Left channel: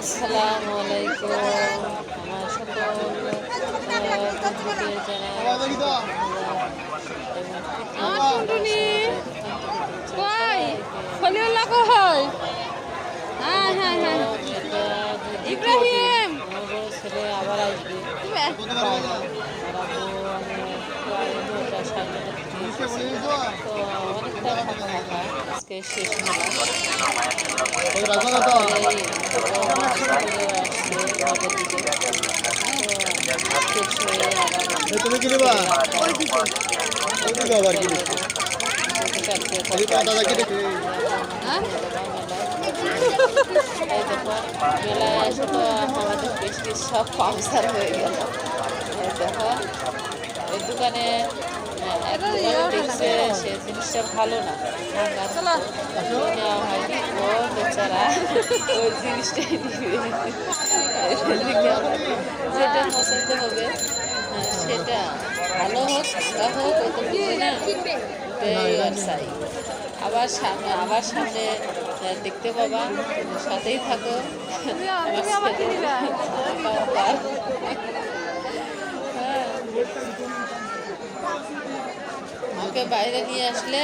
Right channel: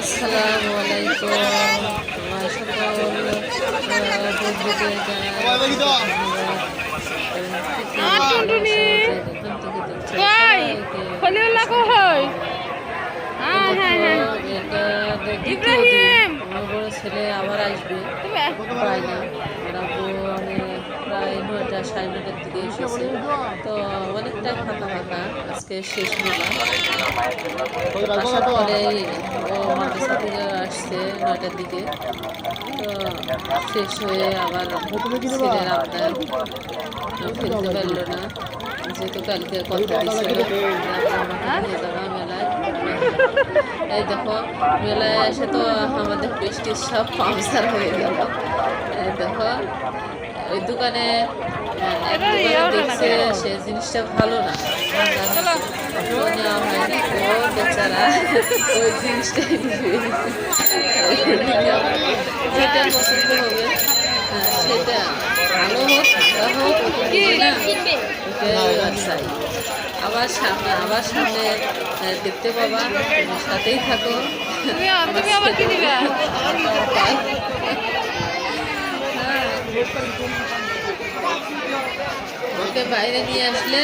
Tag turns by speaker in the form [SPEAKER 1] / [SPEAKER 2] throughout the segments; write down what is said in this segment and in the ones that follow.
[SPEAKER 1] আসসালামু আলাইকুম। আমার সকল বন্ধুদের জানাই অসংখ্য ধন্যবাদ কারণ পৃথিবীর ভালোবাসা যে যেখান থেকে দেখছে। সবাইকে
[SPEAKER 2] খলিল লাগো
[SPEAKER 1] তো দেখো, এটা দ্বিতীয় দিন আমার বড় ছেলে আবার আসবে। পায় না আর আব্বু মানে প্রায় নটা সাড়ে নটার দিকে এসেছে। তো অনেকটা ফাঁকা ফাঁকা আজকে শেষ মেলা। আসার মাদ্রাসা থেকে আসছে নটার দিকে তো শেষ হয়ে আবার ছেলের আবদার না যেহেতু কালকে কথা মেলায় এই দেখো, মেলায় এসে তো আমাদের পেস্টিজ সব পাংচার হয়ে গেল। এই দেখো, ওই দোকানে আহ, এক দোকানে দেখছে সে জিনিসটা ভালো না ভাঙার মতো তো নেওয়া হয়নি ও বেচারা ওই জিনিসটাই নিবে নেওয়া যেটা পছন্দ হবে সেটা ভালো হোক ভালো হোক ও তো বুঝে না ওটাই আর চাই আবার সামনে আবার সামনে দেখতে পাবা তোমার সাথেই থাকো আমার সাথে। হ্যাঁ ওকে বাইরে নিয়ে আসলে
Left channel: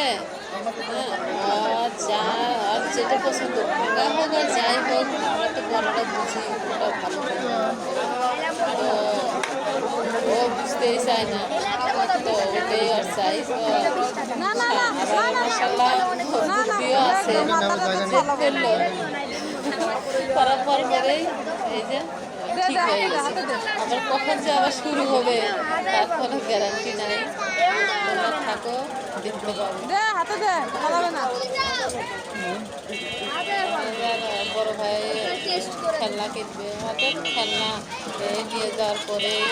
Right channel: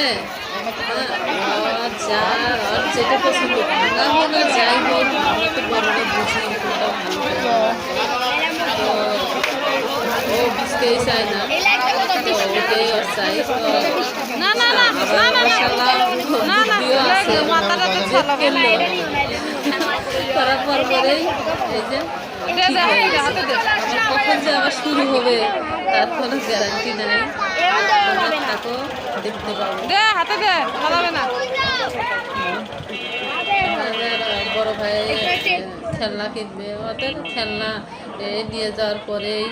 [SPEAKER 1] হ্যাঁ যা আর যেটা পছন্দ ভাঙা হোক আর যাই হোক আমরা তো বড়রা বুঝি কোনটা ভালো কোনটা তো ও বুঝতেই চায় না তো ওটাই ওর চাই তো আবার মাসাল্লাহ বুদ্ধিও আছে জেদ করল করার পর পরেই এই যে ঠিক হয়ে গেছে আবার কখন যে আবার শুরু হবে তার কোনো গ্যারান্টি নাই থাকো দেখতে পাবো।
[SPEAKER 2] হাতে দে না।
[SPEAKER 1] বড় ভাই খেলনা কিনবে ওদের খেলনা। নিয়ে যাওয়ার পরেই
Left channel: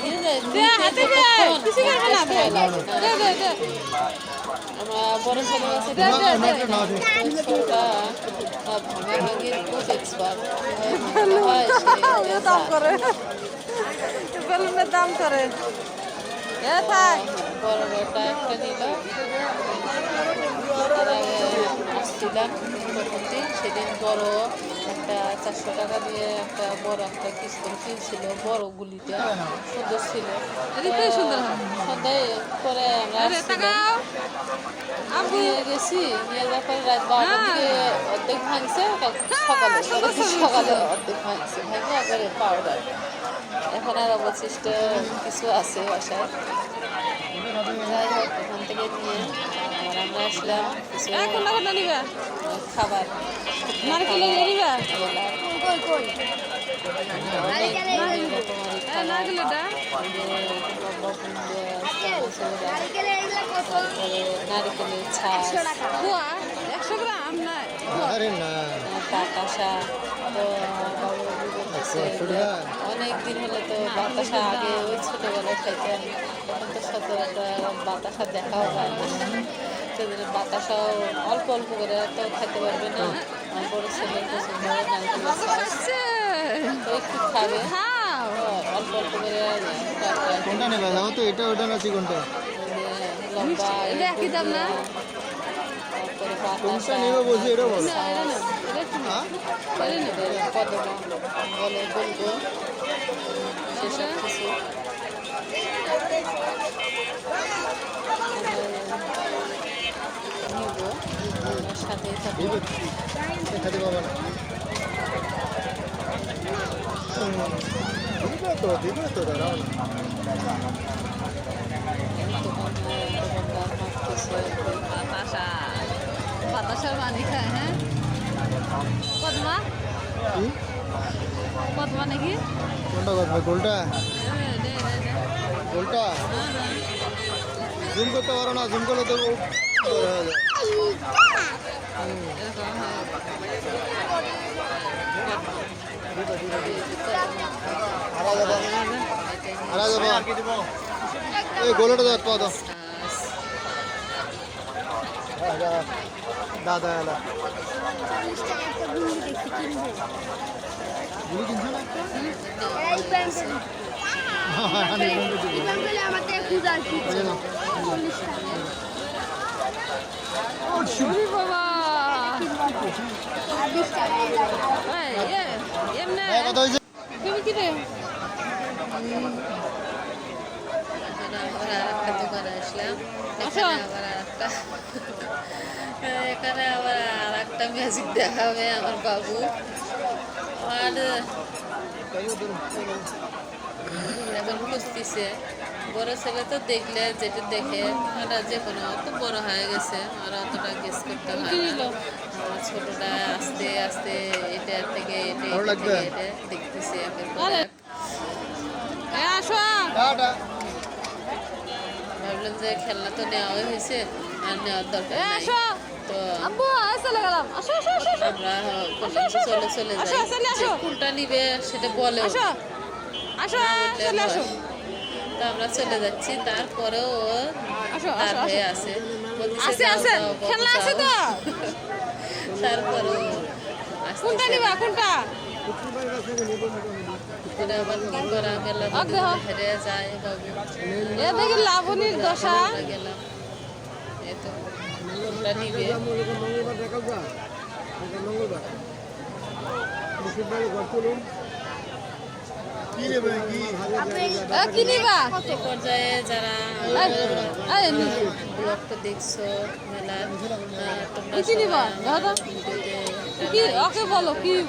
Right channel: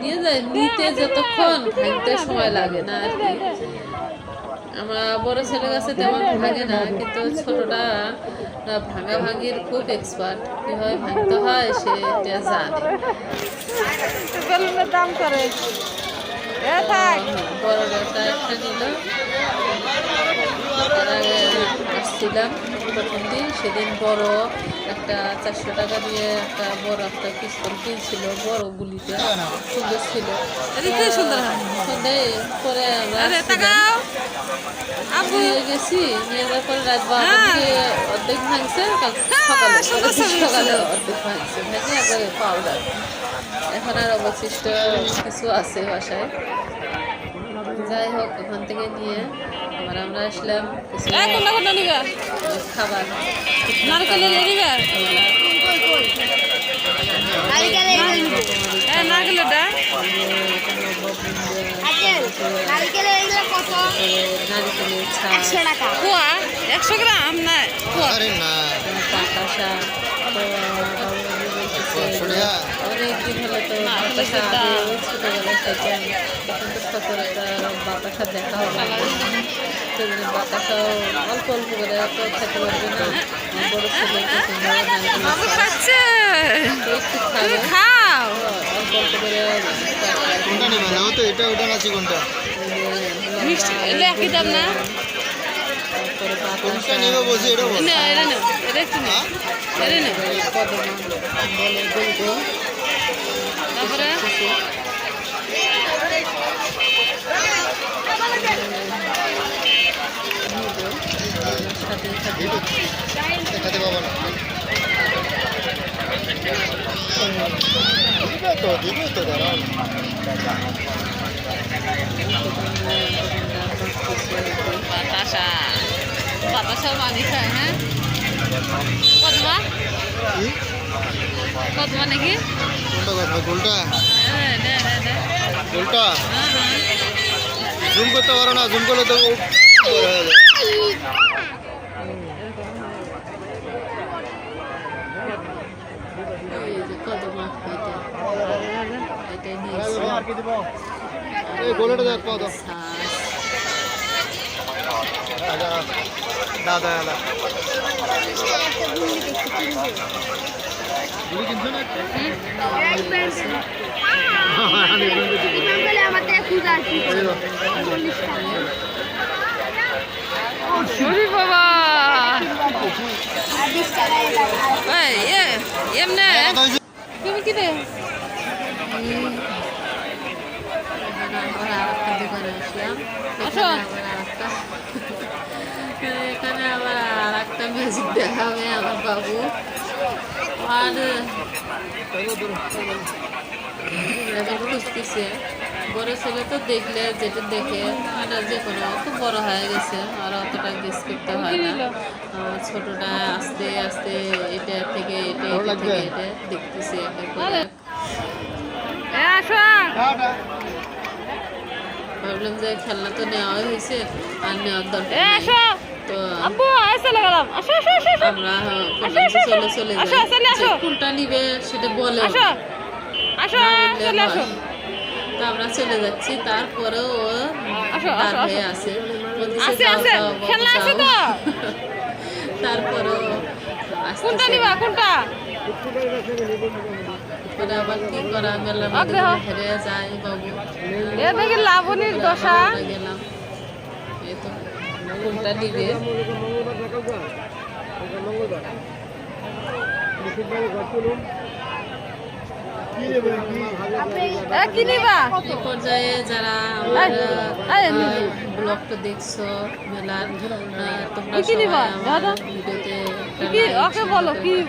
[SPEAKER 1] নিয়ে যায় নিতে যতক্ষণ ভাঙতে সময় লাগে না আর কি। আমরা বড় ছেলের কাছে তেমন ভাঙে না কিন্তু ছোটটা ভাঙা ভাঙির খুব এক্সপার্ট কীভাবে ভাঙতে হয় সে জানে
[SPEAKER 2] দাম করে এ
[SPEAKER 1] তো, একটা নিল তার আগে আসছিলাম প্রথম দিন। সেদিন বড় একটা চারশো টাকা দিয়ে একটা বড় একটা পিস্তল কিনছিল বড় গুলিটা। সুন্দর ছিল। সন্ধ্যায় পরে আমরা আসছিলাম। নিয়ে গেছি নিয়ে যাওয়ার পরে রাত বারোটার দিকে অর্ধেক ভাঙছে কাল সকালে পরে সকালে অর্ধেক ভাঙছে ভাঙে একবারে পাউডার এখন আর অবশিষ্ট কিছু আছে বাসায়। যাই হোক ওখান থেকে নিয়ে এবার আমরা আসলাম কিছু খাবার। খাবার তারপরে নারিকেলের
[SPEAKER 2] একশো গ্রাম না
[SPEAKER 1] বাতাসা তো বলতেছে দিন হলো তো বাতাসা আগে ওই ছোটোবেলায় খাইতাম তখন তো সচরাচর বাতাসা দেখাও যায় না সেজন্য বাতাসাও অল্প অল্প করে এত খেতে পারবে না বড় ছেলে নারকেলের তো একটু খাবে অল্প অল্প করে তারপরে বাতাসা কদমা বলে গোল গোল এসব কিছু নিব আমার সাথে সাথে
[SPEAKER 3] তো দাঁড়াও
[SPEAKER 1] দোকান দোকানদার
[SPEAKER 2] বাতাসা বাতাসা পানি খায় হ্যাঁ কদমা কদমা নাকি
[SPEAKER 3] গোলটা
[SPEAKER 2] দে দে দে
[SPEAKER 3] গোলটা জুম করতে পারো না জুম করলে তো বড় যাবে।
[SPEAKER 1] এই যে কদমা এটা
[SPEAKER 2] বাবা এমনে?
[SPEAKER 1] তুমি কি আবার আর একটা দোকানে আসলাম। এখানে আবার আর একটা এখানে আবার আর একটা ম্যাজিক দেখাবে আমার বাবু। আর এখন খুঁজতেছে। বড় ছেলে তো দেখলে যেটা দেখে আর যে কোনো অত বড় হয়ে গেছে আর অতটা গেস করতে হয় না। ছোটটা আস্তে আস্তে এটা থেকে এটা এটা থেকে এটা দেখতেছি একের পর এক। ভাবলাম যে খেলনা তো নেওয়াই হয়েছে আর নেওয়ার দরকার নাই। তো। আমরা বললাম যে চলে চলে যাই। কোনটা নিবে সেটা বলেও
[SPEAKER 2] আসো।
[SPEAKER 1] না। বললে নয়। তো আমরা চলে যাচ্ছি। তারপরেও ও দাঁড় হয়ে আছে। বলতেছে যাও যাও বাবু যাও। তারপরেও আসতেছে
[SPEAKER 2] নিবা
[SPEAKER 1] না।
[SPEAKER 2] কোনটা
[SPEAKER 1] পরে আবার কি করা
[SPEAKER 2] দেহ।
[SPEAKER 1] হেরে যায় বাবু
[SPEAKER 2] লাবণীর দশা
[SPEAKER 1] গেলাম এই তো কোনটা নিবে
[SPEAKER 3] Thank কি
[SPEAKER 2] এ
[SPEAKER 1] পর্যায়ে যারা আমার ব্লগটা দেখছ মেলার তোমরা সবাই আমার ভিডিওতে একটা লাইক?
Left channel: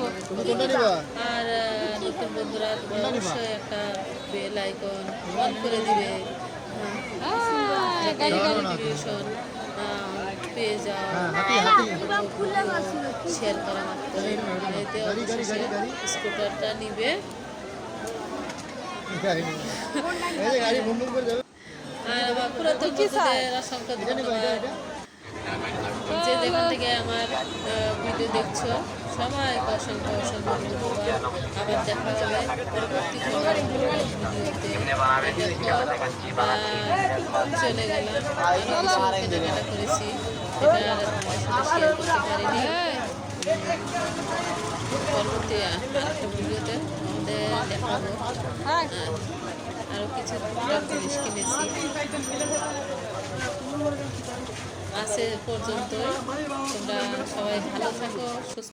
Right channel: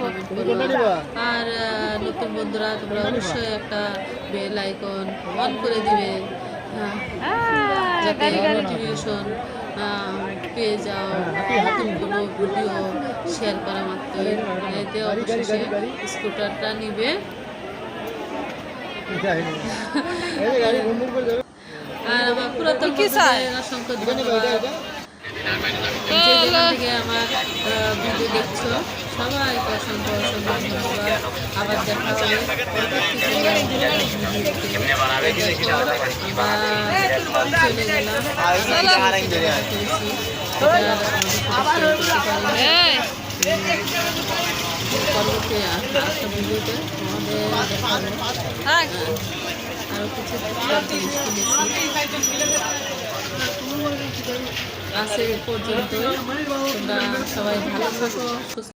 [SPEAKER 1] কমেন্ট করবা। আর নতুন বন্ধুরা তোমরা অবশ্যই একটা বেল আইকন অন করে দিবে। হ্যাঁ যাতে। নোটিফিকেশন পেয়ে যাও। নতুন কোনো ভিডিও শেয়ার করা মাত্রই। এতে অবশেষে স্কুটারটা নিবে। আর আমার পুরাতন? বন্ধুদের অসংখ্য ধন্যবাদ। যে যেখান থেকে আমার ভিডিও দেখছ সবাইকে অসংখ্য অসংখ্য ধন্যবাদ। আবার দেখা হবে পরবর্তী কোনো ভিডিওতে দেখো আমরা চলে গেলাম। আমি কিছু কেনাকাটা করেছি আর আমাদের সাথে শেয়ার করতে পারিনি।
[SPEAKER 2] এই,
[SPEAKER 1] পরবর্তী আর একটা ভিডিওতে আমাদের দেখাবো
[SPEAKER 2] থাক।
[SPEAKER 1] আরও কিছু টুকটাক জিনিস কিনেছি আছে পর্যন্ত তোমরা সবাই ভালো থাকো